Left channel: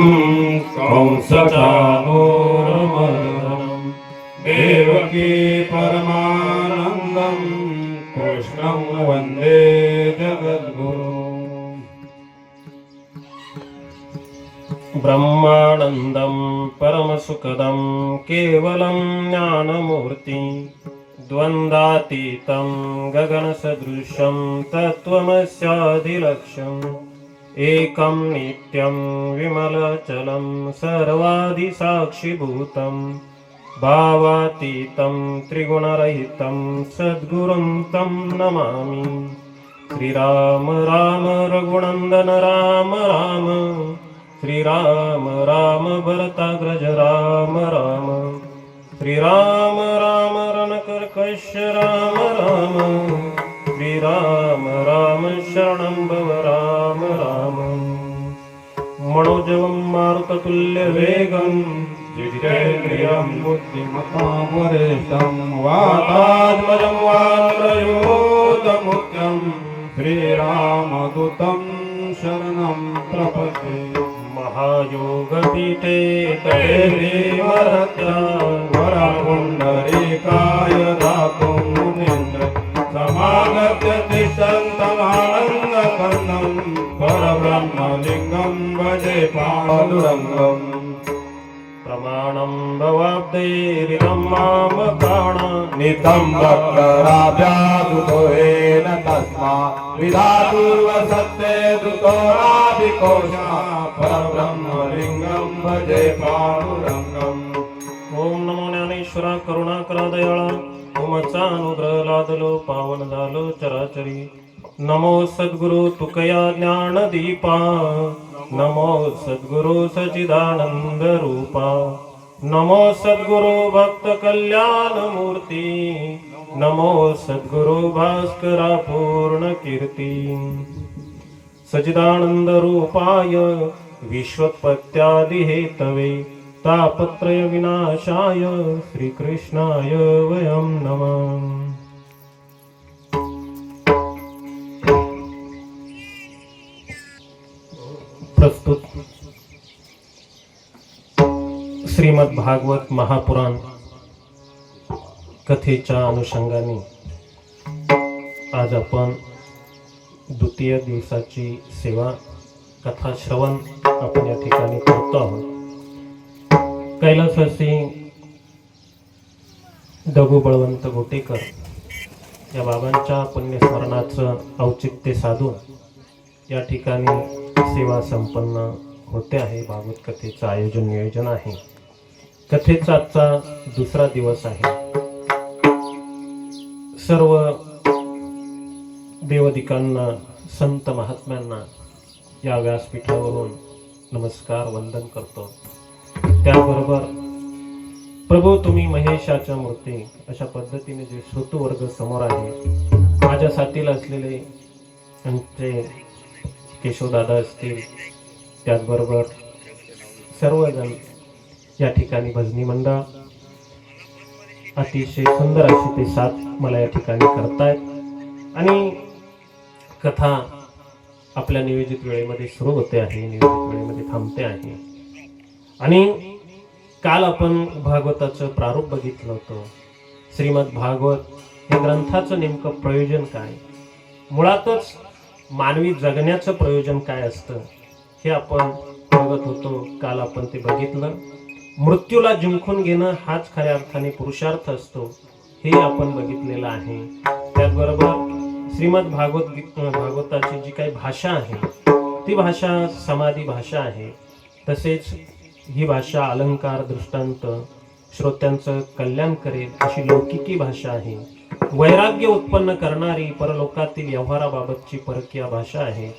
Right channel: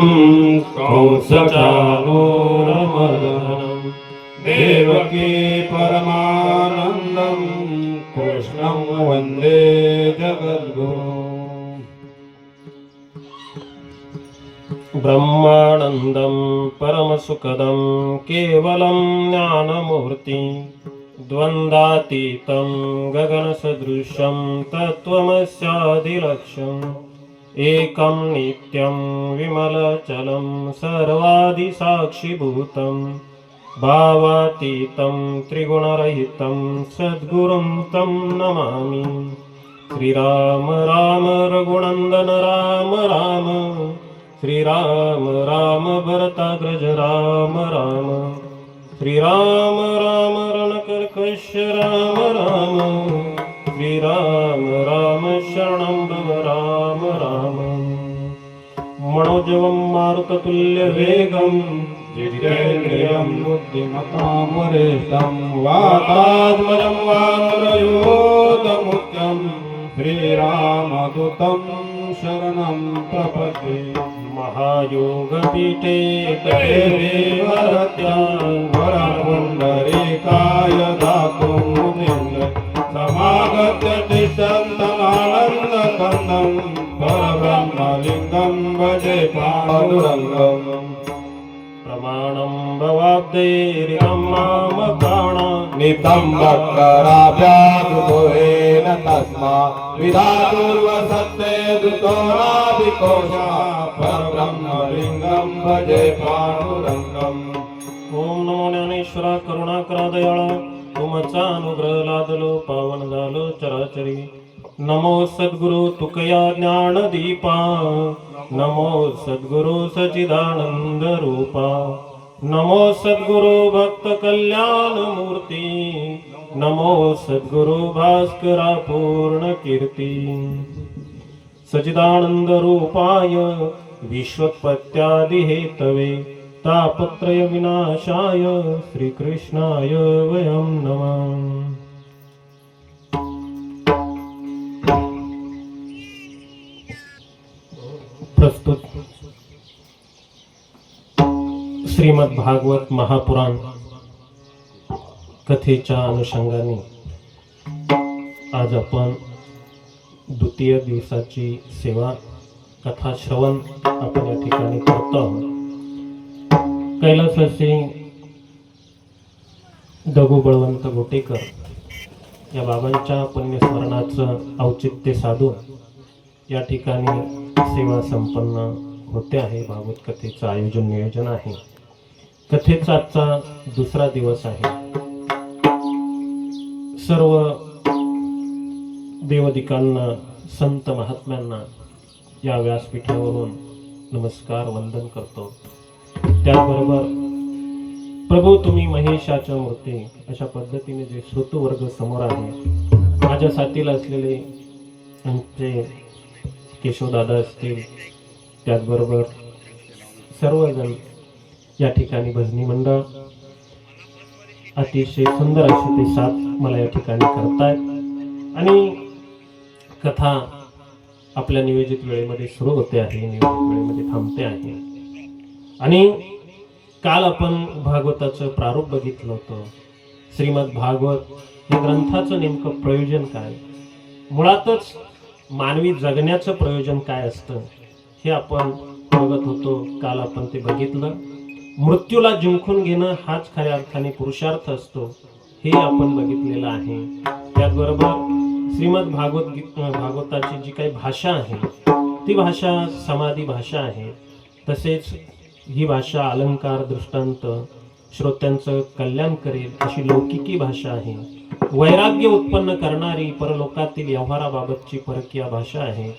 कंसचानूरमर्दनं देवकी परमानन्दं कृष्णं वन्दे जगद्गुरुम्। ब्रह्मानन्दं परमसुखदं केवलं ज्ञानमूर्ति द्वन्द्वातीतं गगनसदृशं तत्त्वमस्यादिलक्ष्यम् एकं नित्यं विमलचलं सर्वादिसाक्षिभूतं भावातीतं त्रिगुणरहितं सद्गुरुं तं नमामि। श्रीराम राम रघुनन्दन राम राम, श्रीराम राम भरताग्रज राम राम, श्रीराम राम रणकर्कश राम राम, श्रीराम राम शरणं भव राम राम। मनोजवं मारुततुल्यवेगं जितेन्द्रियं बुद्धिमतां वरिष्ठं वातात्मजं वानरयूथमुख्यं श्रीरामदूतं शरणं प्रपद्ये। महायोगपीठे देवरत्न वरपुण्डरीकाय दातुं मुनीन्द्र समागत्य तिष्ठन्तमानन्दकन्दं परब्रह्मलिङ्गं भजे पाण्डुरङ्गम्। प्रमाणं भवाब्दैरिदं मामकाण नितं भक्तराभ्यादुतोरेण तस्मा विधातुर्वसत्ते दुतोराभिकोशा परब्रह्मलिङ्गं भजे पाण्डुरङ्गम्। ओम नमो ज्ञानेश्वरा करुणाकरा दयाळा, ओमचा अनुग्रह लादलो पावन झालो चराचरी। नमो सद्गुरु तुकया ज्ञानदीपा, नमो सद्गुरु सच्चिदानंद रूपा, नमो सद्गुरु भक्त कल्याण मूर्ती, नमो सद्गुरु भास्करा पूर्ण कीर्ती। सच्चिदानंद रूपाय विश्वोत्पत्त्यादि हेतवे तापत्रय विनाशाय श्रीकृष्णाय वयं नमः। प्रस्तुत श्रीमद भागवत महापुराण कथेच्या अनुषंगाने आज आपण द्वितीय दिवसाची सेवा कथा श्रवण आपण या ठिकाणी करतो आहोत। कैलासवासी दगू बळवंत गोटेकर या बाबांच्या पुण्यस्मरणाचं औचित्य साधून या ठिकाणी सेवा संपन्न होते आहे। भागवत कथेचं आयोजन नियोजन आहे। कथेचा आजचा दुसरा दिवस आहे। सर्व देवदिकांना संत महात्म्यांना या व्यासपीठावरून नमस्कार वंदन करतो। त्याचबरोबर प्रभू तुम्ही महेशाच्या मूर्ती अशा पद्धतीने जे श्रोतृवर्ग समोर आहे, माझ्या साथीला असलेले आमचे केशवदादा असतील, त्याचबरोबर सर्वजण या ठिकाणी भजनी मंडळ अतिशय सुंदर अशी ते साथ मला या ठिकाणी करतायत आणि कथा आपल्या नियोजित वेळेमध्ये सुरू होते आहे, नियोजित वेळेमध्ये थांबते आहे। आणि काल आपण भागवताचं प्रारूप बघितलं होतं। श्रीमद भागवत या ग्रंथाचं नेमकं प्रयोजन काय, मुळातच मानवी जगण्याचं प्रयोजन काय असतं हे आपण बघत होतो। काल आपण ते बघितलं। मृत्यूला जिंकून घेणं हाच खऱ्या अर्थाने पुरुषार्थ असतो हे आपण बघितलेलं आहे। त्याचबरोबर श्रीमद भागवताची जी काही भाषा आहे ती भाषा समाधी भाषा आहे। तसेच ही भाषा अलंकार दृष्टांत श्रोत्यांचं कल्याण करेल अशी लौकिकी भाषा आहे। वैराग्य उत्पन्न करणारी परलोकातील व्यवहाराबाबतची परकीय भाषा आहे।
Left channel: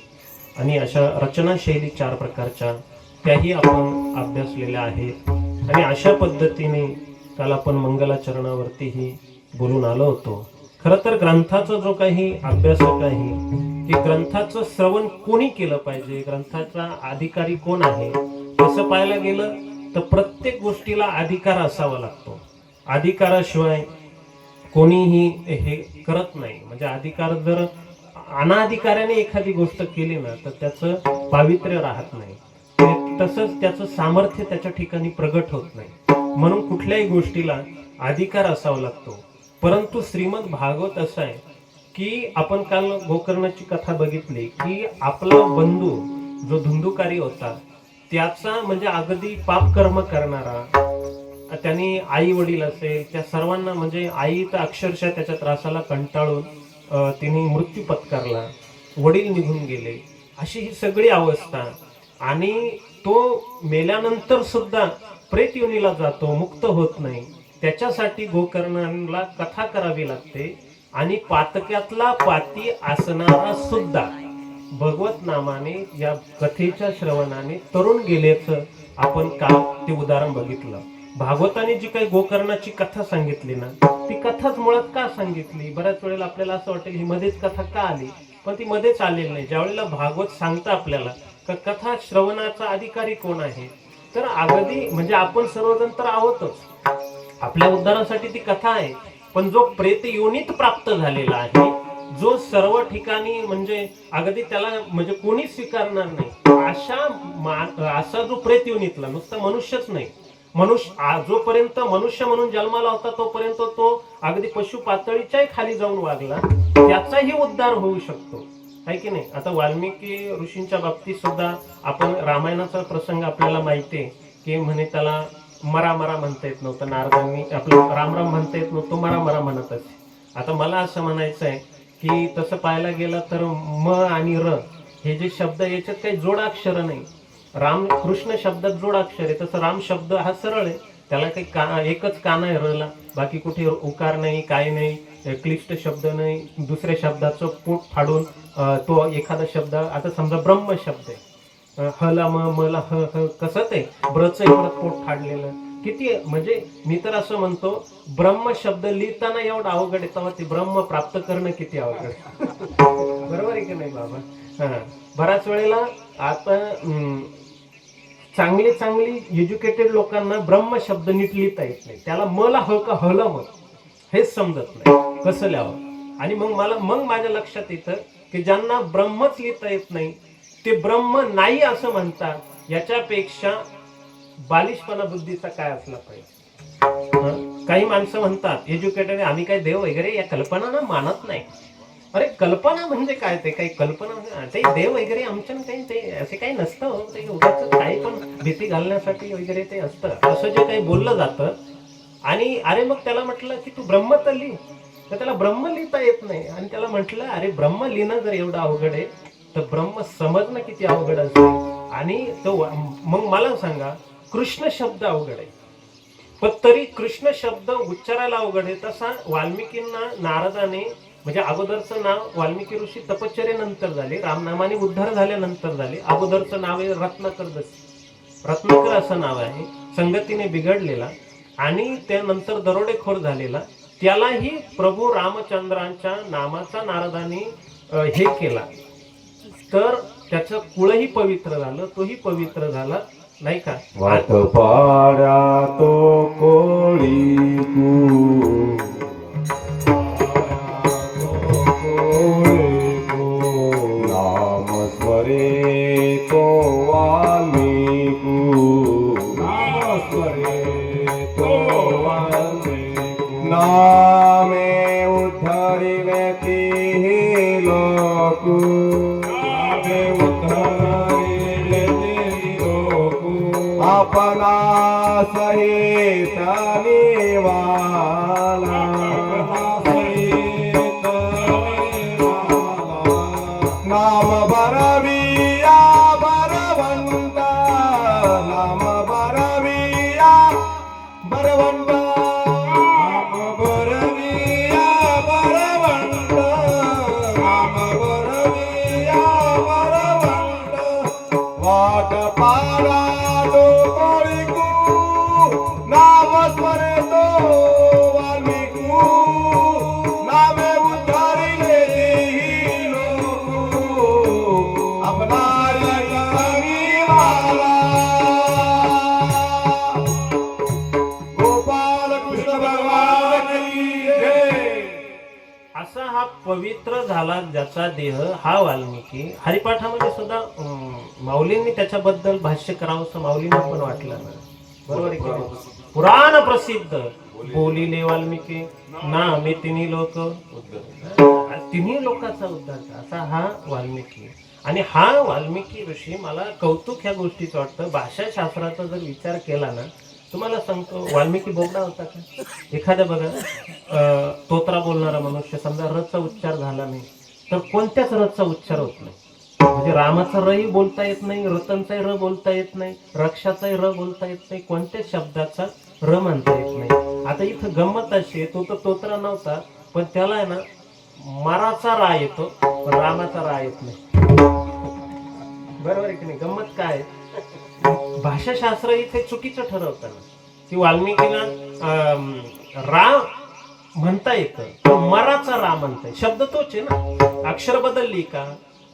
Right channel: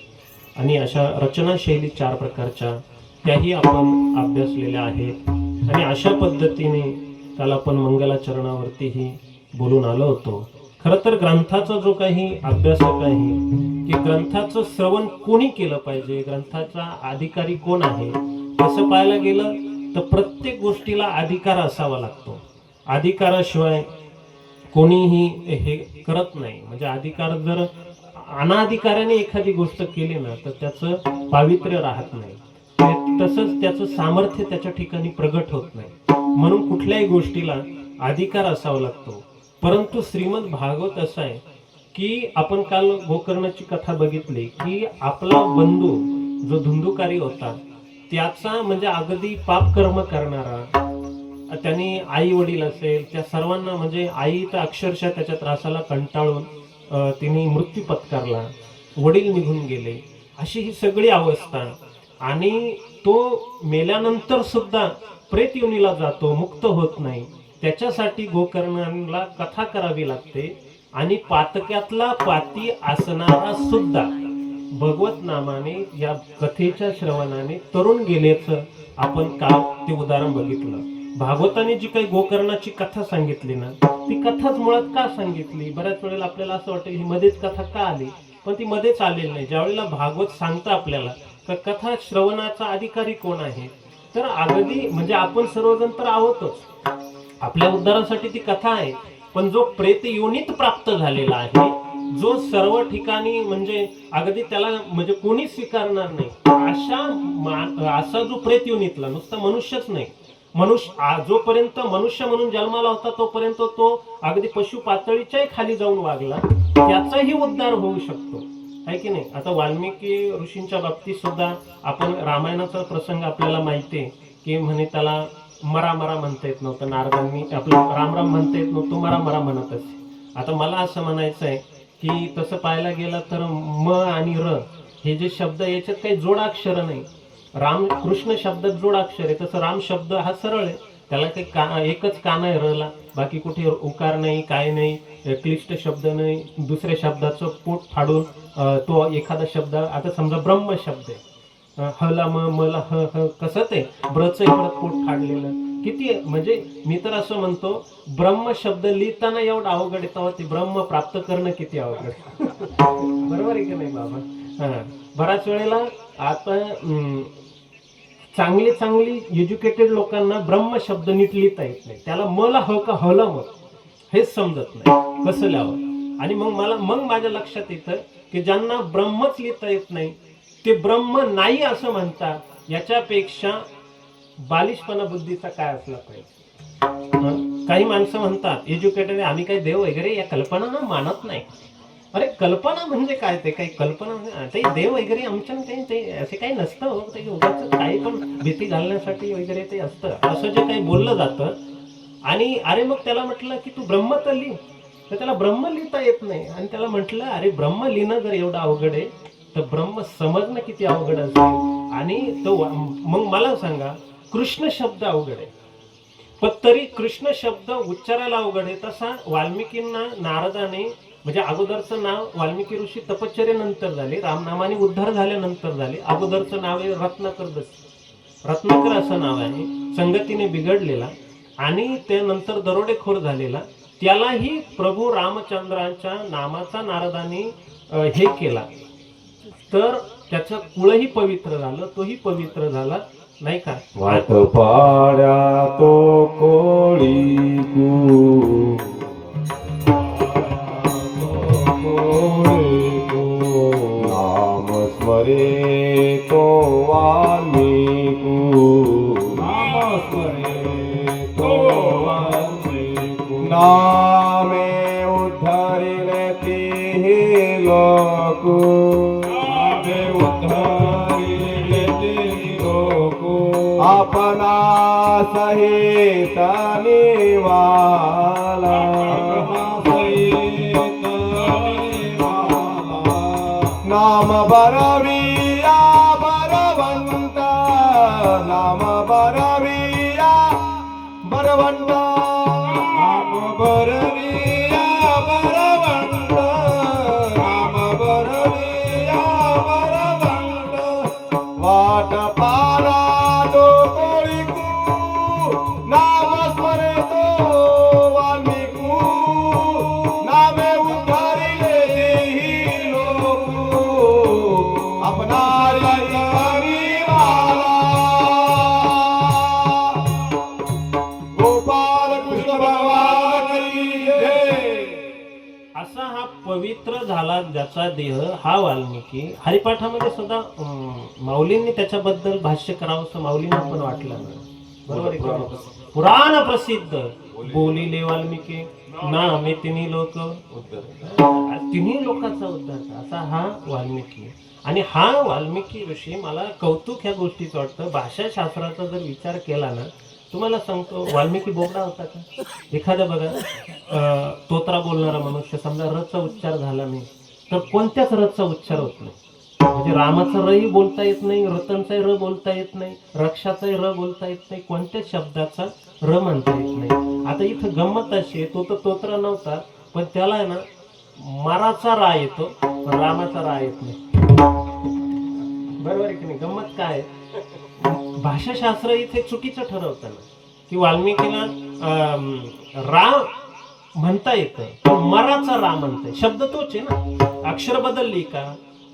आणि अशा रचनाशैली 4 प्रकारच्या त्याही आपण अभ्यासलेल्या आहेत। आणि अशा पद्धतीने काल आपण मंगलाचरणावरतीही बोलून आलो होतो। खरं तर ग्रंथाचा जो काही अभ्यासक आहे ते ग्रंथाचं श्रवण कोणी केलं पाहिजे, ग्रंथाचा अधिकारी कोण आहे, असं पाहायला गेलं तर प्रत्येक गोष्टीला अधिकार असावा लागतो। अधिकाराशिवाय कोणीही हे करत नाही। म्हणजे अधिकार जर अनाधिकाराने एखादी गोष्ट केली ना तर त्याचं पावित्र्य राहत नाही। तसंच त्याचं सामर्थ्य त्याच्या ठिकाणी प्रगट होत नाही. म्हणून कुठल्याही गोष्टीला अधिकार असावा लागतो. परंतु श्रीमद भागवत असं आहे की आपण काल गोकर्णाची कथा बघितली की आपला बंधू जो धुंदुकारी होता त्याचा म्हणजे अगदी पाप कर्म करणारा, त्यांनी आई वडील असेल त्या सर्वांना म्हणजे आई तर अक्षरशः त्याच्या त्रासाला कंटाळून तिने मृत्यू पत्करला, वडील निघून गेले, अशी ही सगळी अवस्था. आणि तो मेल्यानंतर सुद्धा प्रेत योनीला जातो, मुक्त होत नाही. त्याच्यासाठी गोकर्णाला कथा करावी लागते. आणि पातक्यातला पाती असणारा सुद्धा भगवत नामाने या कथेच्या श्रवणाने तरुण गेल्याचं आपण काल ते उदाहरण बघितलं. भागवताने जी काही गोकर्णाची कथा सांगितली ना, ती कथाच मुळात का सांगितली? बऱ्याच वेळेला आपल्याला असं वाटेल ही मध्येच कथा का आली, पण ती मध्येच आलेली नाही. ज्यावेळेला भागवत सांगता आपल्याला का कथा श्रवणाचा अधिकारी कोण आहे, तर अगदी म्हणजे आपण सर्वजण तर आहोतच, आपल्या उद्धारासाठी ती कथा आहे. पण जो प्रेत योनीत प्राप्त झालेला आहे, जो सर्व ठिकाणी म्हणजे अगदी त्याला म्हणजे कोणी स्वीकारणार नाही असा जो प्रेत योनीतला, नुसता मनुष्यच नाही, जोपर्यंत मनुष्य म्हणून जन्माला होता तोपर्यंत तो अगदी पशु पातळीच्याही खाली जाऊन वागला, त्याचाही उद्धार होऊ शकतो, आहे की नाही? आता वाल्मिकी ऋषींच्या बाबतीत सुद्धा आपण रामायणाचा प्रसंग आपल्याला माहिती आहे की म्हणे त्याला मरा मरा म्हणता येत नव्हतं, नारदांनी आपलं राम राम म्हणता येत नव्हतं, मरा मरा म्हणत असे. आता मला असं म्हणायचं आहे की तसं पाहायला गेलं तर म आणि र हे जे शब्द याच्यात काही जोडाक्षर नाही. राम कृष्ण शब्दात जोडाक्षर आहे, तसं राम शब्द हा सरळ आहे, त्याला काही एकच काना आहे रला, बाकी कुठे उकार नाही, काय नाही, क्लिष्ट शब्द नाही. दुसऱ्या शब्दाचं पोट फाडून तो एखादा शब्द, आता समजा ब्रह्म शब्द आहे, हला मला ह कसं ते ब्रच परत पोट फाडलेलं, किती म्हणजे मी तर असं म्हणतो ब्रह्म शब्द लिहिताना एवढं अवघड आहे, तेव्हा ते ब्रह्म प्राप्त करणं किती अवघड. बरोबर आहे की नाही बाबा? बऱ्याच वेळेला आता चांगली एज्युकेटेड लोकांना ब्रह्म शब्द नीट लिहिता येत नाही, त्याला मला ह का हल मग हेच समजत नाही कसं लिहावं. आणि मग माझ्या लक्षात येतं की ज्यांना ब्रह्मच लिहिता येत नाही ते ब्रह्म नाही असं म्हणतात, याच्यापेक्षा बालिशपणा बुद्धीचा काय असला पाहिजे. काही माणसं म्हणतात एज्युकेटेड आम्ही काही देव वगैरे या कल्पना ना मानत नाही. अरे कल्पना म्हणजे काय? ते काही कल्पना ते देव वगैरे आमच्या काही ते असे काही नसतं, ते उगाच काही पण भीती घालण्यासाठी वगैरे ते असतं असं जे काही बोललं जातं. आणि अरे मग त्याला म्हटलं की तू ब्रह्म तर लिह, तर त्याला ब्रह्म लिहिता येत नाही. आणि त्याला म्हटलं अरे ब्रह्म लिहिणं जर एवढं अवघड आहे तर ब्रह्म समजणं किती अवघड असेल. आणि तो मग मला सांगा कृष्ण शब्द अवघड आहे, पण तरी कृष्ण शब्द उच्चारायला अवघड आहे. तसा वाल्मिकींना नारदाने म्हणजे अगोदरचं नाव वाल्मिकी ऋषी तपश्चर्येनंतर झाले, रामनामाने उद्धार झाल्यानंतर झाले. अगोदरचं नाव आहे रत्नाकर असं नाव आहे, संगतीने बिघडलेला आणि त्यानंतर दरोडेखोर झालेला. त्यालाही प्रभू रामचंद्रांच्या नामाचा नारदाने हे केला, तर त्याचं कुळही पवित्र झालं, तोही पवित्र झाला, नाही का? वाट पाड्या तो कोळी नाम स्मरे तो वाल्मीकु, नाम स्मरे तो वाल्मीकु, नामे उद्धरिले तिहि लोकु, नामे उद्धरिले तिहि लोकु, अपना सहित निवाला, नाम बरविया बरवंत, नाम बरविया बरवंत, नाम बरविया बरवंत, नाम बरविया बरवंत. वाट पारा तो कोळीकू, नाम स्मरे तो वाल्मीकू, झाला ज्याचा देह हा वाल्मिकी. हरिपाठामध्ये सुद्धा माऊलींनी त्याच्याबद्दल भाष्य करावं असं माऊलींना पण वाटलं ना. बरोबर आहे की नाही? पुराण प्रसिद्ध बोलिले वाल्मिकी ना मी तिन्ही लोक तिन्ही लोकांचा उद्धार असा हा वाल्मिकी. आणि हा वाल्मिकी ऋषी मला कौतुक ह्या गोष्टीचं वाटतं. भाषाशास्त्राचा जर विचार केला ना, तुम्हाला सांगतो वाल्मिकी बोबडा होता का? एखादा बघा तोत्रा बोलणारा मनुष्य समजा रचा उच्चार झाला नाही तर कोणत्याच रचा उच्चार होत नाही. म्हणजे रामाचा रही बोलता येत नाही, रतनचाही र बोलता येत नाही, रक्षाचाही र बोलता येत नाही, कोणत्याच शब्दाचा र म्हणता येत नाही. आता इथं गंमत अशी आहे, तो तर तोत्रा नव्हता पण त्याला आहे ना माराचा रा येतो पण रामाचा रा येत नाही. बरोबर आहे की नाही? गंमत काय आहे? भाषाशास्त्र इथे चुकीचं ठरवतं ना की वाल्मिकीला रा म्हणता येतं पण मराचा रा म्हणताय. शब्द तोच आहे ना, अक्षर बदलली का?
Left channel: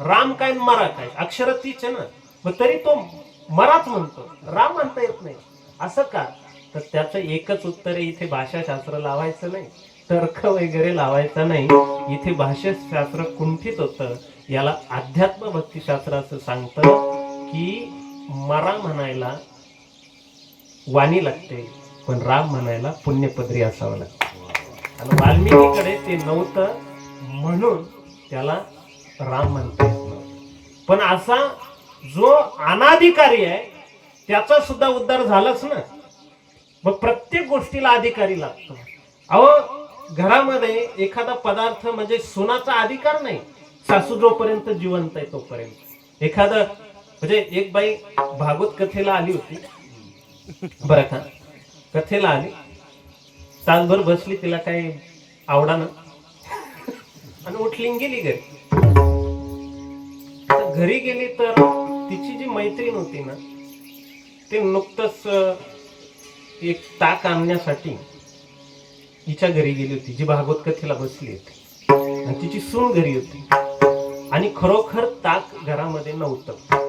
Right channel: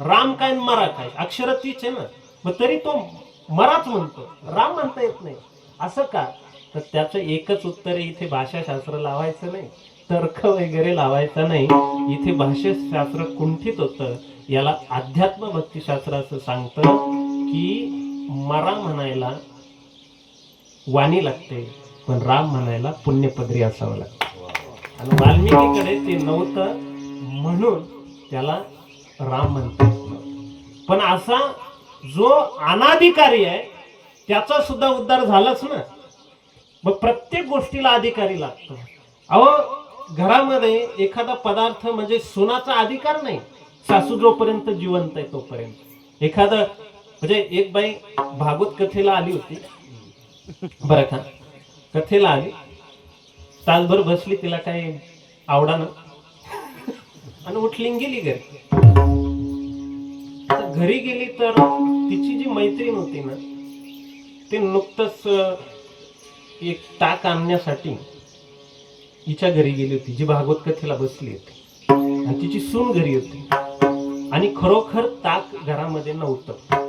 राम काय मरा काय, अक्षर तीच आहे ना, मग तरी तो मराच म्हणतो, राम म्हणता येत नाही. असं का? तर त्याचं एकच उत्तर आहे, इथे भाषाशास्त्र लावायचं नाही, तर्क वगैरे लावायचा नाही. इथे भाषाशास्त्र कुंठित होतं. याला अध्यात्म भक्तिशास्त्र असं सांगतं की मरा म्हणायला वाणी लागते पण राम म्हणायला पुण्यपदरी असावं लागतं. आणि वाल्मिकीकडे ते नव्हतं म्हणून त्याला राम म्हणते. पण असा जो अनाधिकारी आहे त्याचा सुद्धा उद्धार झालाच ना. मग प्रत्येक गोष्टीला अधिकारी लागतो. अहो घरामध्ये एखादा पदार्थ म्हणजे सुनाचा अधिकार नाही, सासू जोपर्यंत जिवंत आहे तोपर्यंत. एखादं म्हणजे एक बाई भागवत कथेला आली होती बरं का, कथेला आली, तासभर बसली, तिला काही आवडा ना आणि उठली गेली घरी. घरी गेली तर तिची जी मैत्रीण होती ना ते नुकतंच एक ताक आणण्यासाठी हिच्या घरी गेली होती, जी भागवत कथेला बसली होती, आणि तिची सून घरी होती आणि खरोखर ताक घरामध्ये नव्हतं.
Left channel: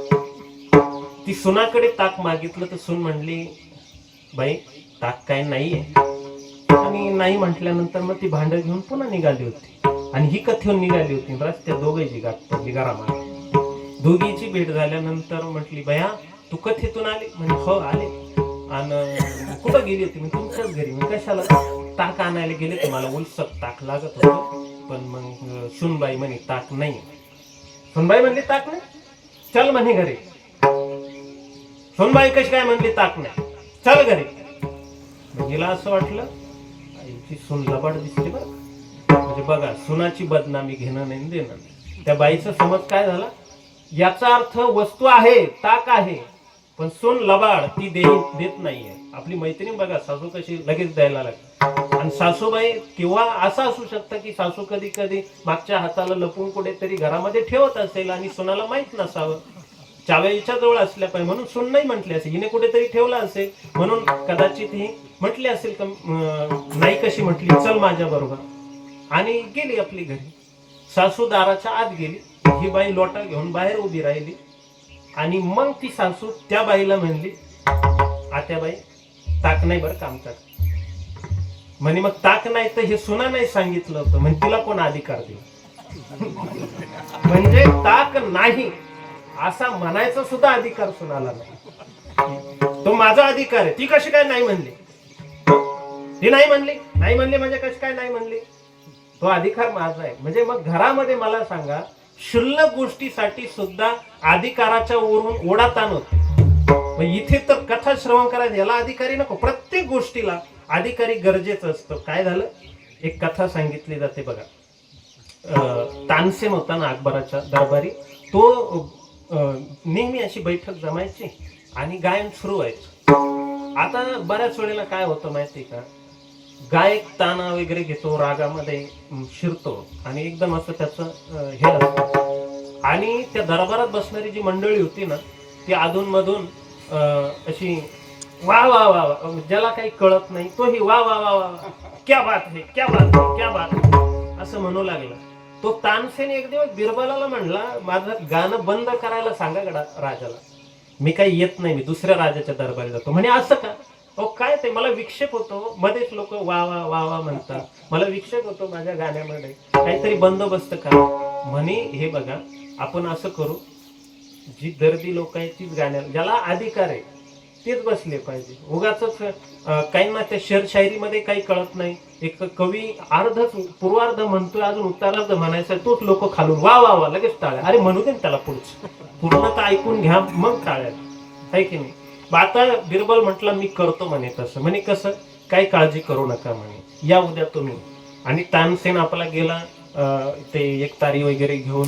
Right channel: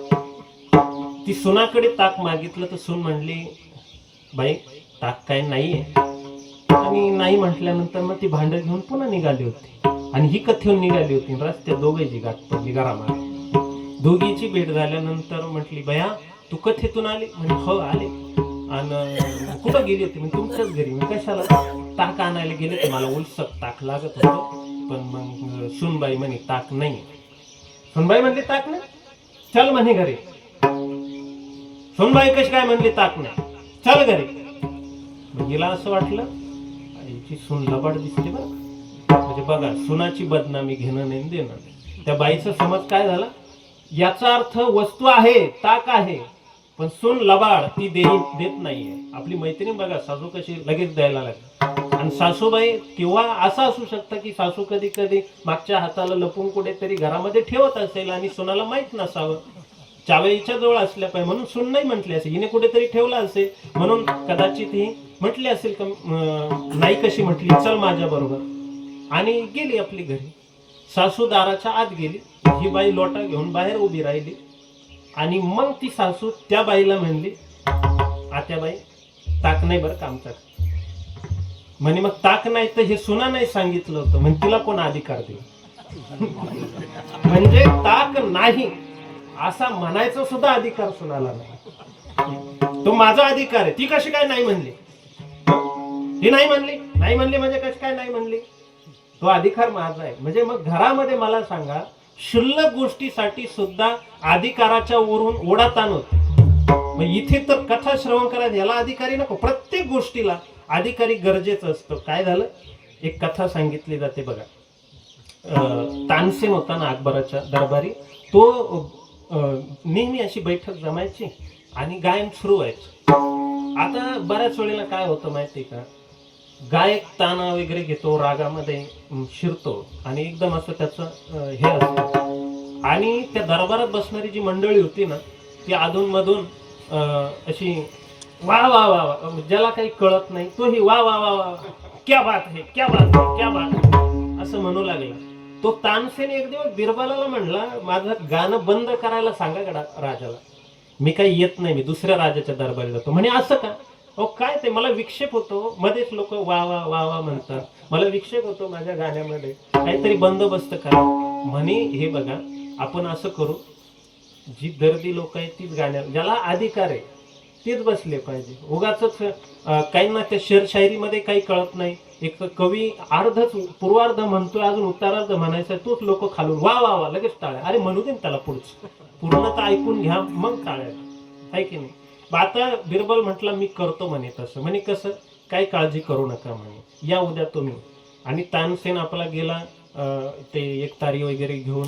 ती सुनाकडे ताक मागितलं तर सून म्हणली बाई ताक काय नाहीये. आणि नाही म्हटल्यानंतर मग ती भांड घेऊन पुन्हा निघाली होती आणि ही कथेहून निघाली होती. रस्त्यात दोघांची गाठ पडली घरामध्ये. दोघीची भेट झाल्यानंतर म्हटली बया तू कथेतून आली? म्हणजे हो आले. आणि कुठं गेली होती? म्हणजे तुमच्याच घरी. मग कशाला? ताक आणायला गेले ते, मला उलसक ताक लागत होतं पण मग सुनबाई म्हणे ताक नाही. सुनबाई म्हणली ताक नाही, चल म्हणे घरी. सुनबाई कशी काय म्हणली ताक नाही, चल घरी. हिला असं वाटलं हिची सून लबाड दिसते बरं. म्हणजे बघा सुनाची बदनामी घेणं नाही देणं नाही. त्या बाईचा समज काय झाला, याचा अर्थ वस्तू आहे ताक आहे पण सून लबाड, ती देत नाहीये. आपली मैत्रीण बघा सासू कशी लगेच द्यायला लागते. आणि सासूबाई किंवा असं असू शकतं की सासू कधी कधी मागच्या हाताला लपून कुठेतरी घरामध्ये ठेवत असेल आणि सुनाला माहित नसावं. चाव्याच्या जवळ असल्या पाहिजे म्हणून सून नाही म्हटली असेल, हिने कुठेतरी ठेवला असेल म्हणून कदाचित ही म्हटली असेल का नाही कशी म्हटली, चल माझ्या बरोबर, आणि गेली आपली घरी. सासू दाराच्या आत गेली, ही बाई लोटा घेऊन बाहेर उभी राहिली आणि मग ती सासू त्या बाईला म्हणली आत्याबाई ताक नाही बरं का आमच्याकडे. म्हणे मग ताक नाही तर हे सुना नाही सांगितलं होतं, म्हणजे तिला कोण अधिकार दिला? म्हणजे ताक नाही असा म्हणायचा सुद्धा अधिकार सुनाला नाही. तो माझा अधिकार आहे. ती कशी काय नाही म्हणली? ती नाही म्हणली म्हणजे कशी काय नाही म्हणली? तो अधिकार माझा आहे. म्हणजे मग घरामध्ये मला सांगा क्षुल्लक गोष्टीसाठी सुद्धा अधिकाराच्या वरून ओढाताण होते. मग इथे तर कथा श्रवण करायचं याला अधिकारी नको, प्रत्येक गोष्टीला अधिकारी गरजेचं असतं. काय झालं, एक कथा सांगितली जाते बघा. तानसेन होता ना अकबराच्या दरबारी, तो नेहमी अशी बैठक जमायची आणि गायन सुरू व्हायचं. आता बऱ्याच वेळेला काय होतं माहिती का, गायक ताना वगैरे घेतो, रागामध्ये शिरतो आणि एकदम असं त्याचं हे असतं. आणि त्या दरबारात बसणारी जी मंडळी होती ना ती अधून मधून अशी वा वा वा वा, ज्याला काही कळत नाही तोही वा वा वा वा, क्या बात है क्या बात है क्या बात है असं म्हणू लागला. तो तानसेन एक दिवस बिरबलाला म्हणला माझं गाणं बंद करायला सांगा राजाला, मी काही येत नाही, मी दुसऱ्या राजाच्या दरबारी जातो. म्हणे असं का? अहो काय ते मला विक्षेप होतो, मध्येच लोक वा वा वा वा म्हणतात, मला विक्षेप होतो माझ्या गाण्यामध्ये. काहीतरी बंदोबस्त करा म्हणे. हे बघा, आपण असं करू, जी दर्दी लोक आहेत तीच गाण्या, ज्याला अधिकार आहे तेच बसले पाहिजे. उगाच काही ना त्या शायरीमध्ये काही कळत नाही, एक कवी अर्धच पूर्वार्ध म्हणतोय, अजून उत्तरार्ध म्हणायचं, तोच लोक खालून वा वा वा लगेच टाळ्या. अरे म्हणू दे त्याला पुढचं, पूर्ण तर ऐकून घ्या मग टाळ्या, आहे की नाही. आता बिरबल म्हटलं मी करतो म्हणे तसं. म्हणे कसं, काही काळजी करू नका म्हणे, या उद्या तुम्ही. आणि तानसेन आपला गेला ते एक तारी वगैरे घेऊन